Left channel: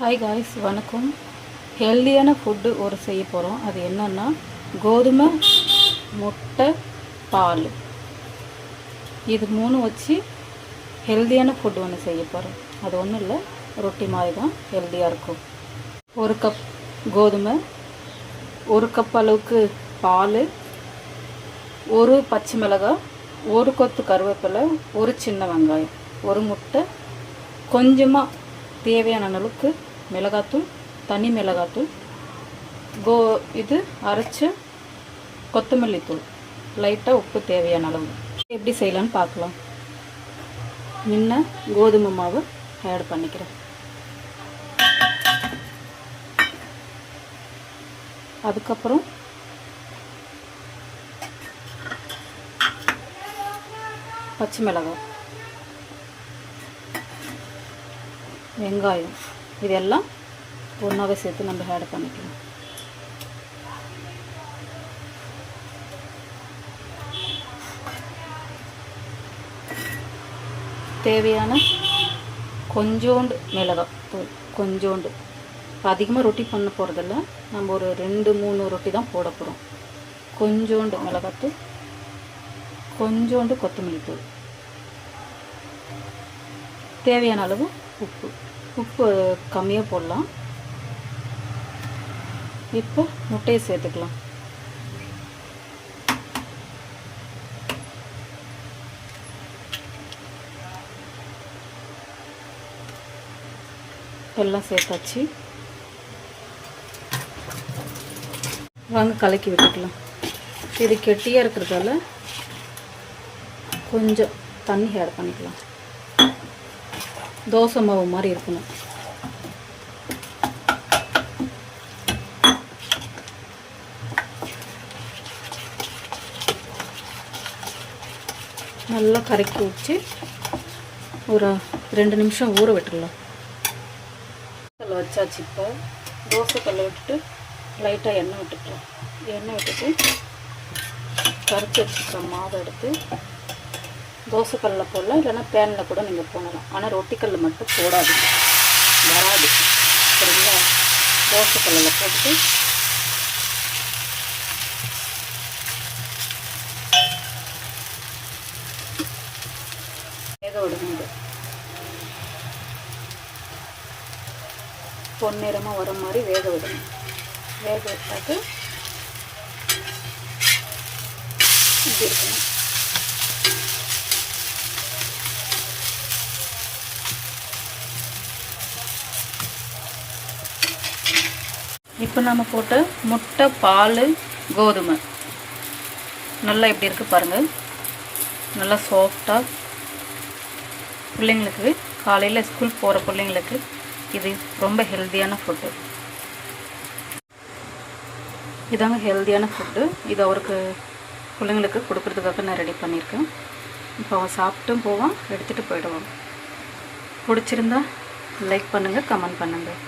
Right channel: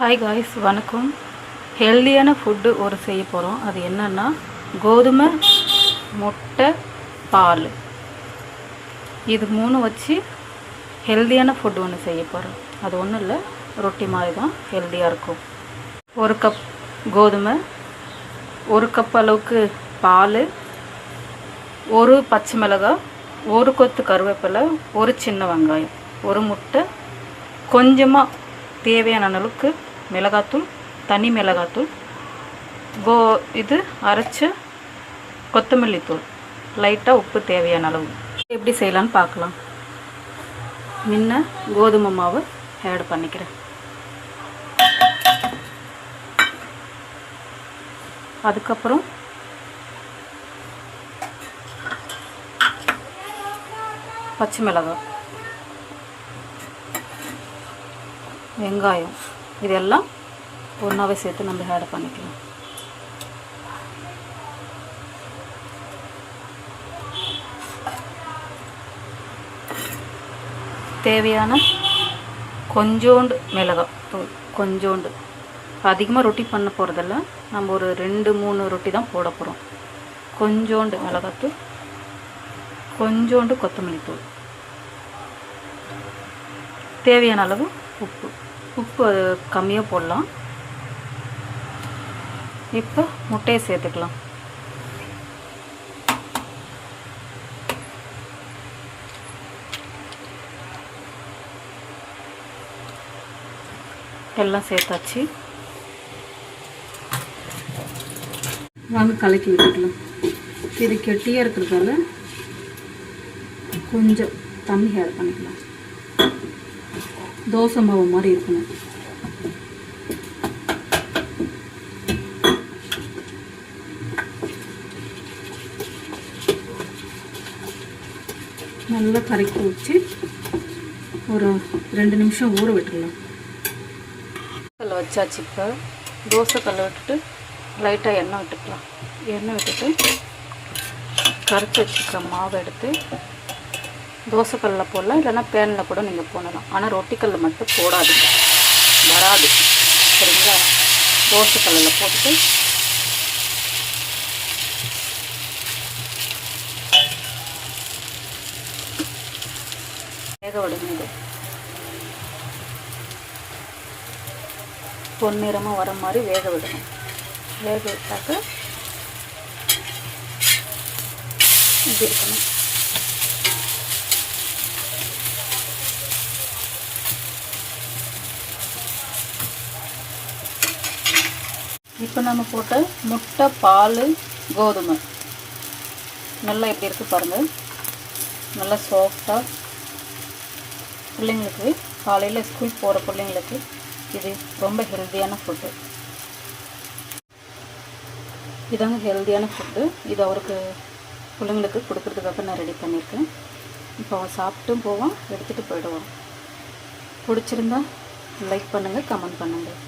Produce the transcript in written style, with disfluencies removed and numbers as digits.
Hi guys, வணக்கம். ஹெல்தியான food ஒரு செய்ய போகிறோம். அது என்னென்னா கோதுமை, முட்டை, பால், இது 3 வச்சு ஹெல்தியான ஃபுட்டு ஒன்று செய்ய போகிறோம். அது ஒன்றும் இல்லை, ரொட்டி மாதிரி தான், ஹெல்தியாக இருக்கும். 1 கப் கோதுமை, 1 கப் அளவுக்கு பால், 1 பச்சை மிளகாய், 1 கொத்து கருவேப்பிலை, 1 சின்ன வெங்காயம், 1 முட்டை, கொஞ்சமாக தேவையான அளவுக்கு மிளகாத்தூள், தனி மிளகாத்தூள், இது அரைச்ச கொத்தமல்லி தூள், லைட்டாக உப்பு தேவையான அளவு. எப்படி செய்யலான்னு பார்க்கலாம். முன்ன கோதுமை மாவு ஆட் பண்ணிக்கிறேன். அதுக்கப்புறம் பச்சை மிளகாய், வெங்காயம், இதெல்லாம் ஒன்றாவே சேர்த்து நம்ம ஆட் பண்ணிக்கலாம். தேவையான கொஞ்சோண்டு மிளகாய் தூள், கொஞ்சோண்டு. அதிகமாக ரொட்டி பண்ண போகிறதில்ல, நம்ம ஒரு 2-3 ரொட்டி தான் போட போகிறோம். கொஞ்சோண்டு மிளகாத்தூள், கொஞ்சோண்டு கொத்தமல்லி தூள், தேவையான அளவு உப்பு. உப்பு கம்மியாக போடலாம். இப்போ முட்டையை சேர்த்துக்கலாம். எல்லாம் சேர்த்தாச்சு. வாங்க கலக்கி விட்டுக்கலாம். இது கெட்டியாக இருக்கிறதால கொஞ்சம் தண்ணி ஆட் பண்ணிக்கலாம். தோசை மாவு மாதிரி இருக்கணும். நல்லா கரைக்கி வச்சு ஒரு 2 நிமிஷம் ஊற விட்டுடலாம். கல் வச்சாச்சு. இப்போ தோசை கல்லை விட்டுட்டு லைட்டாக எண்ணெய் விட்டுக்கலாம். எண்ணெய் விட்டுட்டு கரைச்சி வச்சுக்கிற மாவை எடுத்து தோசைக்கல்லில் போடலாம், இல்லைன்னா பேனில் கூட நீங்கள் போடலாம். ஆனால் ரொட்டிக்கல்லில் மட்டும் போடாதீங்க, வராது. சரிங்களா? தோசைக்கல்லில் போட்டு வேக விடுங்க. இது பொன்னிறமாக வர மாதிரி வேக விடணும். வேக விட்டாக்க இப்படி இருக்கணும். இப்போ நம்ம போட்ட முட்டை, பால், கோதுமை நல்லா எப்படி இருக்குது பாருங்கள். நல்லா சாஃப்டாக, பிள்ளைங்களுக்கு காலையில் ஸ்கூல் போகிற பிள்ளைங்களுக்கு இது ரொம்ப ஹெல்த்தியான ஃபுட்டு. இதாங்க ஹெல்த்தியான ஃபுட்டு. இது அவருக்கு பிள்ளைங்களுக்கு கொடுக்குறதுக்காக நான் ரெடி பண்ணியிருக்கேன். இப்போ அவன் சாப்பிட்டும் போவான், எடுத்துகிட்டு போயிடுவான். பிடிச்சிருந்தா லைக் பண்ணுங்கள், கமெண்ட் பண்ணுங்கள்.